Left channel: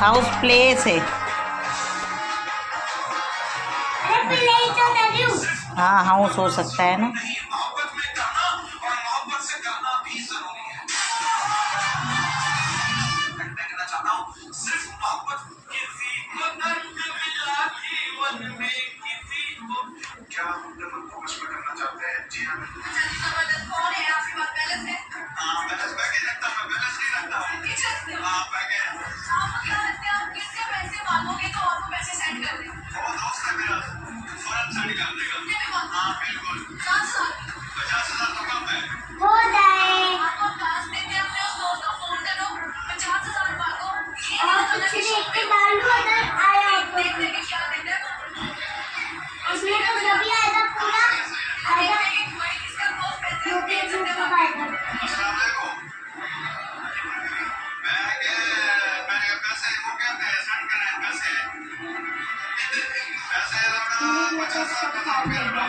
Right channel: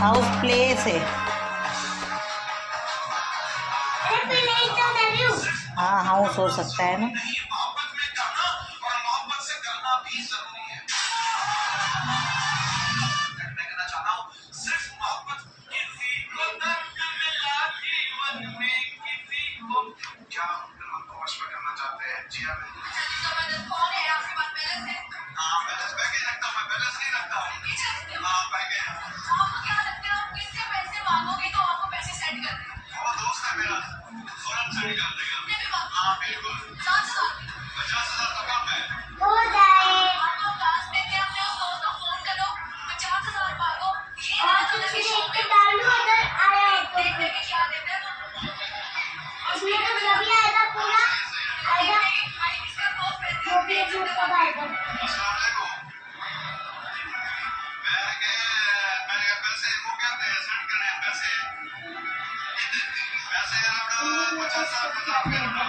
House place है। हाँ house हो सकता है ना। क्या अपने मन को वश में करना चाहते हैं? जी हाँ बिल्कुल। कौन है आपके पास बैलेंस है? हाँ बैलेंस पैकेज रखता हूँ, बैलेंस नहीं रखता हूँ। हाँ पैकेज। आपको क्या लगता है आप किससे पैसे मांगोगे तो आपको पैसे सेंड कर दें? वो दोस्त है मेरा, फौरन से निकाल देगा। कितने में मांगो? हाँ बिल्कुल। 50,000। 50,000 तो कम है। हो जाए। आपको क्लास देते हैं अपने उस दोस्त को फोन करो, 50,000 मांगो। और कुछ देख के डाल दो अगर आया हो तो। देख के क्या देते हैं? उसमें तो जो भी आएगा पूरा आएगा। जो भी है सब आएगा। अस्सलाम वालेकुम। मैं पैसे वो कहते हैं सेंड कर रहे हैं पैसे। पैसे लौटा 50,000 का लौटा।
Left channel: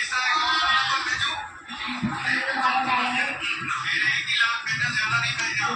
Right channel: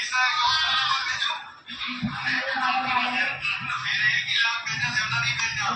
इसका अकाउंट नंबर भेजो। मेरे 1 लाख भेजना ज्यादा नहीं भेजना।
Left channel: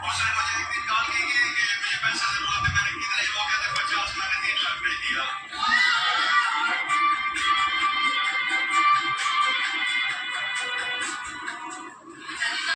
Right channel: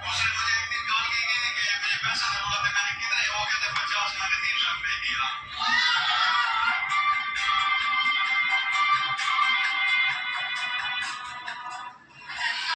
मुझे एक दिन कॉल की कि मुझे पैसा जरूरत है, मैंने कितने वो कहते 50 मैंने 3 लाख भेज दिया।